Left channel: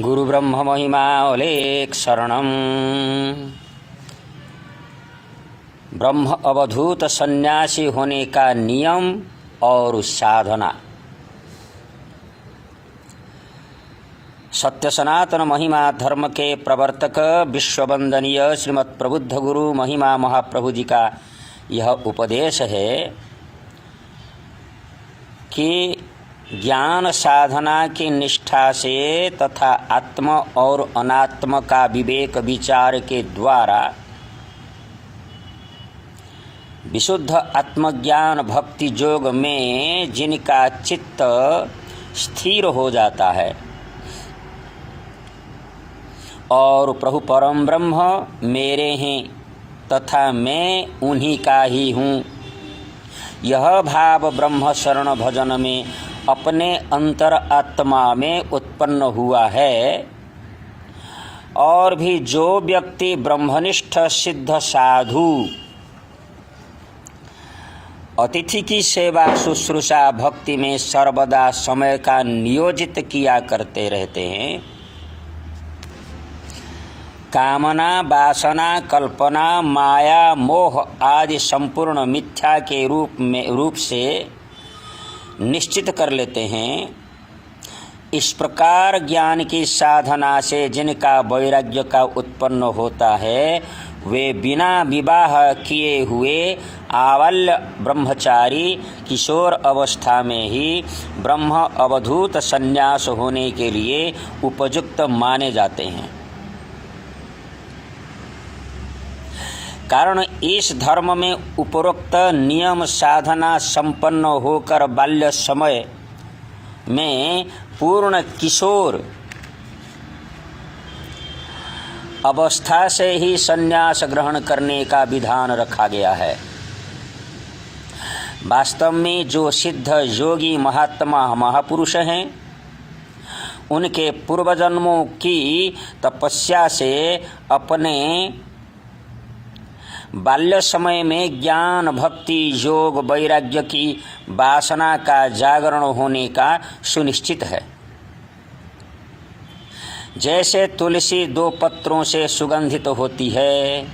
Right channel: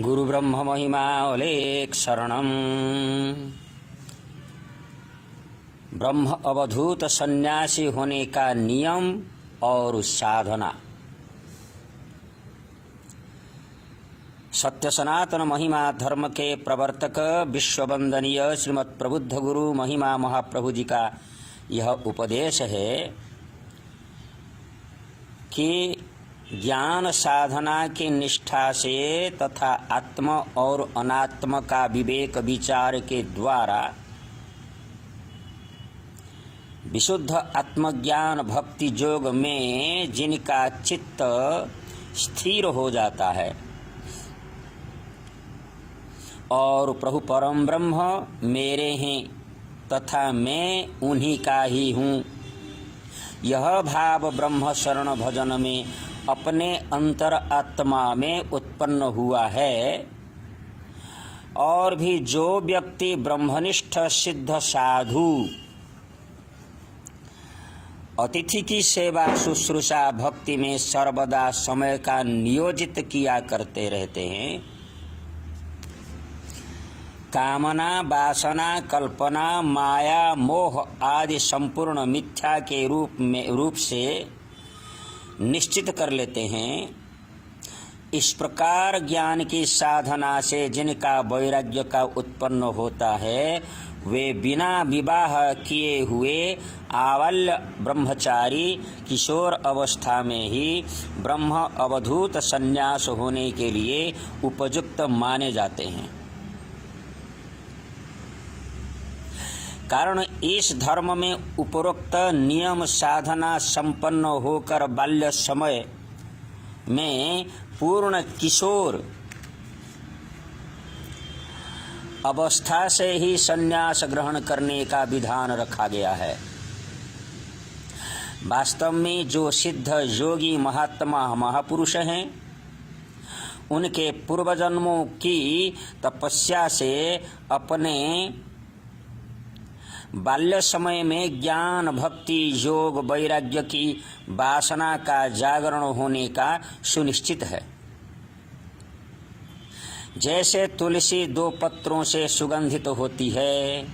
गुरु ब्रह्म महिमा अलेख शरणम। ब्रह्म अवधूत सन्यासी होने का नियम और साधना। सत्य सनातन महिमा धर्म के प्रवर्तक विश्ववंदनीय श्रीमद् प्रबुद्ध गुरु महिमा महाप्रभु जी का यह उपदेश है कि ज्ञान साधना की निष्ठा से तथा आत्म और अनात्म का विवेक विचार के द्वारा विशुद्ध आत्मज्ञान भक्ति योग में जिनका चित्त स्थिर हो जाता है और प्रभु परम ब्रह्म मेरे हैं तथा मैं उन्हीं का ही हूँ, यह भाव ब्रह्म शरण भजन में अपने अंतर आत्मा में उत्पन्न हुआ है। और भी जो व्यक्ति ब्रह्मनिष्ठ सिद्ध साधु अतिथि की सेवा शुश्रूषा भक्ति में सर्वदा समय का नियोजित किया करते रहते हैं, कामना वासना कल्पना माया मोह आदि संपूर्ण मिथ्या के रूप से निश्चित कर लेते हैं, इस प्रकार ज्ञान की साधना से जिनका वैराग्य का उत्पन्न होता है वे बिना विवाह किए हुए आवाल्य ब्रह्मचारी किशोर अवस्था में ही ब्रह्म अवधूत संन्यास होने के लिए उपयुक्त माने जाते हैं। कारण इस धर्म में उपरोक्त नियम साधना संपन्न होकर बाल्य समय में पूर्ण किशोर अवस्था से ही संन्यास ग्रहण करने का विधान रखा गया है। वास्तव में जो सिद्ध योगी महात्मा महापुरुष हैं, उनके पूर्व जन्मों की तपस्या से अपने बाल्य समय में ज्ञान भक्ति योग वैराग्य की वासना का जागरण होने का सुनिश्चित है। जैसे तुलसी 2 पत्रों से सुगंधित होती है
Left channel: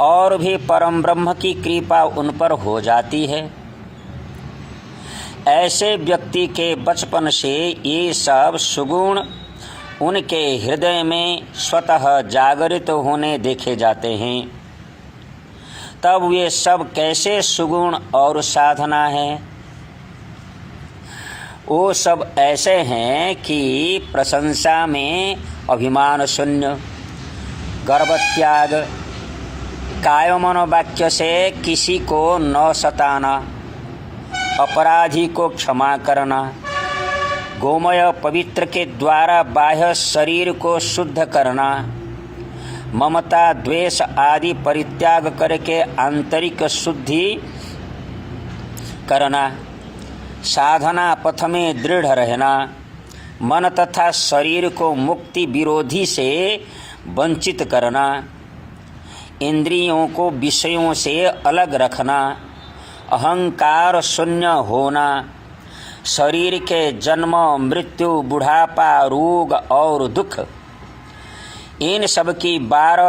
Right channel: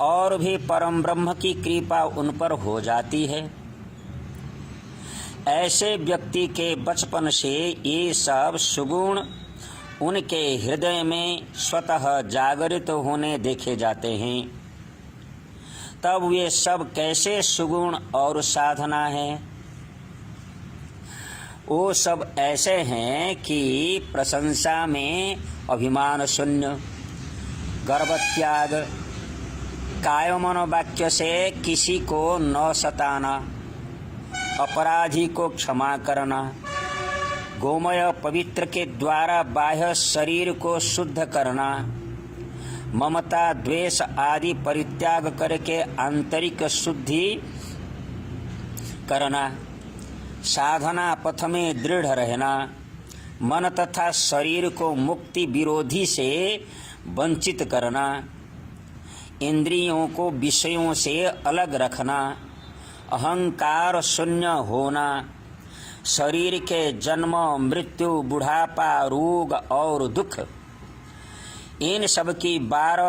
और भी परम ब्रह्म की कृपा उन पर हो जाती है, ऐसे व्यक्ति के बचपन से ये सब सुगुण उनके हृदय में स्वतः जागृत होने देखे जाते हैं। तब वे सब कैसे सुगुण और साधना है? वो सब ऐसे हैं कि प्रशंसा में अभिमान शून्य, गर्व त्याग, काय मनोवाक्य से किसी को न सताना, अपराधी को क्षमा करना, गोमय पवित्र के द्वारा बाह्य शरीर को शुद्ध करना, ममता द्वेष आदि परित्याग करके आंतरिक शुद्धि करना, साधना पथ में दृढ़ रहना, मन तथा शरीर को मुक्ति विरोधी से वंचित करना, इंद्रियों को विषयों से अलग रखना, अहंकार शून्य होना, शरीर के जन्म मृत्यु बुढ़ापा रोग और दुख इन सब की बार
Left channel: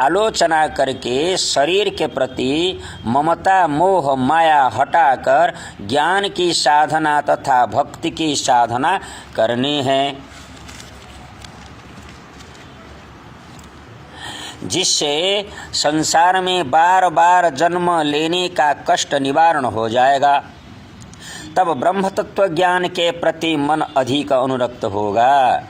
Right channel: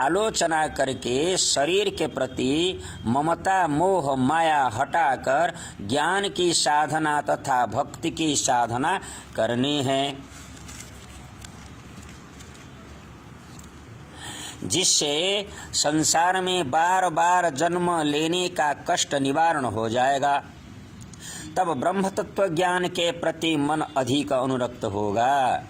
आलोचना करके शरीर के प्रति ममता मोह माया हटाकर ज्ञान की साधना तथा भक्ति की साधना करनी है, जिससे संसार में बार जन्म लेने का कष्ट निवारण हो जाएगा। तब ब्रह्म तत्व ज्ञान के प्रति मन अधिक अनुरक्त होगा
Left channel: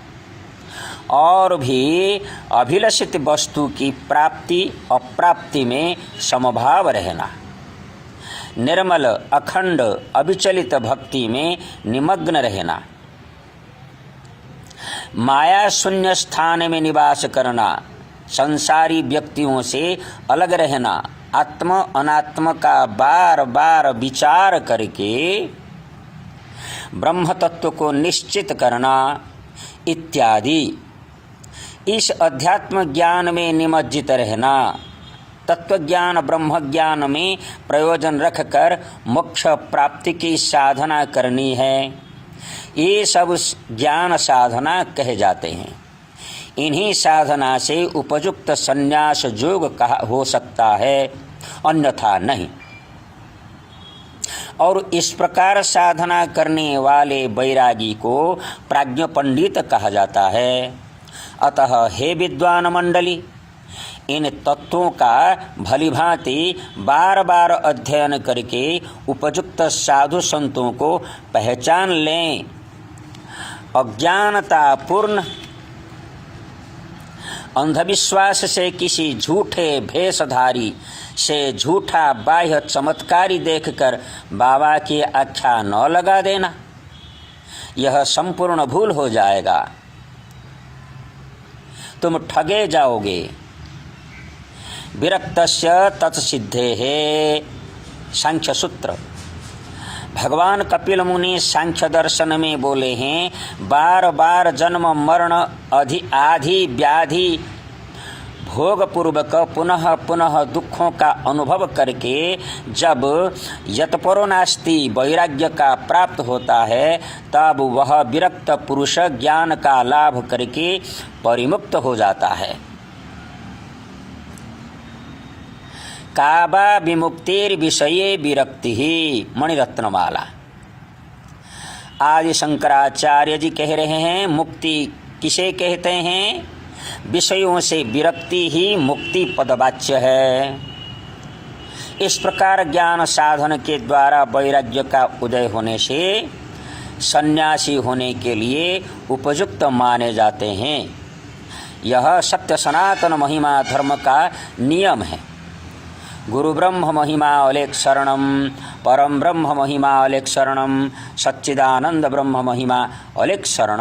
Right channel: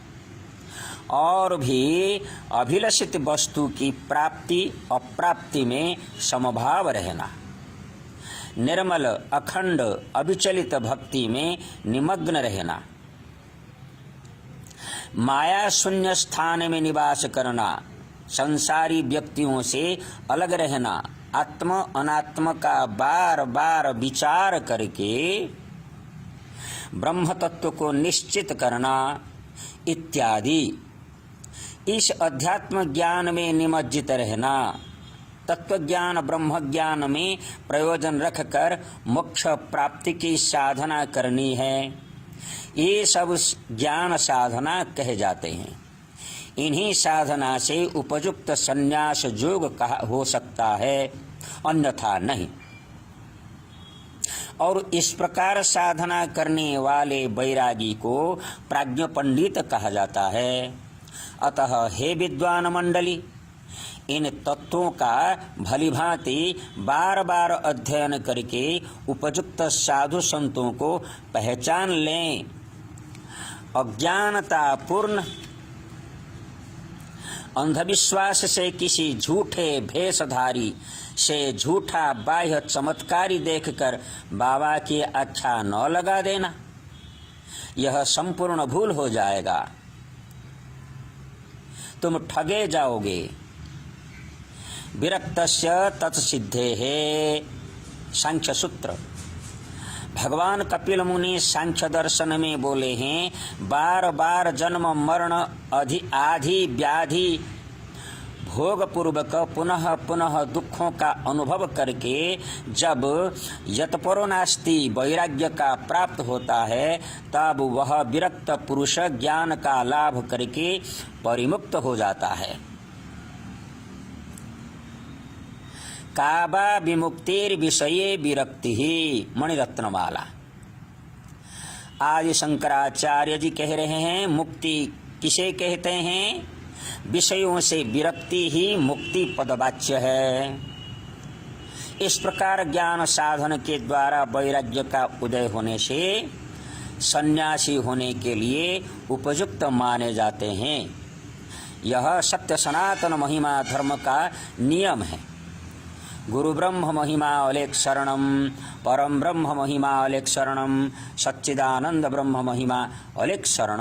और भी अभिलषित वस्तु की प्राप्ति अप्राप्ति में समभाव रहना, निर्मल अखंड अविचलित भक्ति में निमग्न रहना, माया शून्य स्थान में निवास करना, संसारी व्यक्तियों से अलग रहना, आत्म अनात्म का बार विचार करके ब्रह्म तत्व को निश्चित करना इत्यादि। इस अध्यात्म ज्ञान में निमज्जित रहना, तत्व ज्ञान ब्रह्म ज्ञान में प्रयोजन रखकर मोक्ष प्राप्ति की साधना करनी है। ये सब ज्ञान साधना कहे जाते हैं। इन्हीं साधना से उपयुक्त संन्यास योग हो सकता है, अन्यथा नहीं। और इस प्रकार साधना करने वाले बैरागी को प्राज्ञ पंडित कहा जाता है। अतः हे विद्वान मंडली, इन तत्वों का भलीभांति बार बार अध्ययन करके उपयुक्त साधु संतों को पहचान लें। अज्ञानतापूर्ण अंधविश्वास से किसी झूठे भेषधारी से झूठा बाह्य चमत्कारी देखकर बाबा की आख्या न लगा देना, यह संपूर्ण भूल हो जाएगा, तुम ठगे जाओगे। विरक्तस्य तत्सिद्धेः सांख्य सूत्र। भगवान कपिल मुनि सांख्य दर्शन में बोले हैं, बार बार जन्म मरण आदि व्याधि भोग पूर्वक पुनः पुनः दुखों का अनुभव करके जब यतपरो नास्ति वैराग्य का प्राप्त होता है, तब वह विरक्त पुरुष ज्ञान का लाभ करके परिमुक्त हो जाता है। काबा विमुक्तिर विषये विरक्ति ही। मणिरत्नमाला। आदि शंकराचार्य जी कह रहे हैं, मुक्ति किसे कहते हैं? विषयों से विरक्ति ही मुक्ति पदवाच्य है। इस प्रकार ज्ञान साधन के द्वारा वैराग्य का उदय होने से सन्यासी होने के लिए उपयुक्त माने जाते हैं। यह सत्य सनातन महिमा धर्म का नियम है। गुरु ब्रह्म महिमा अलेख शरणम, परम ब्रह्म महिमा अलेख शरणम, सच्चिदानंद ब्रह्म महिमा अलेख शरणम।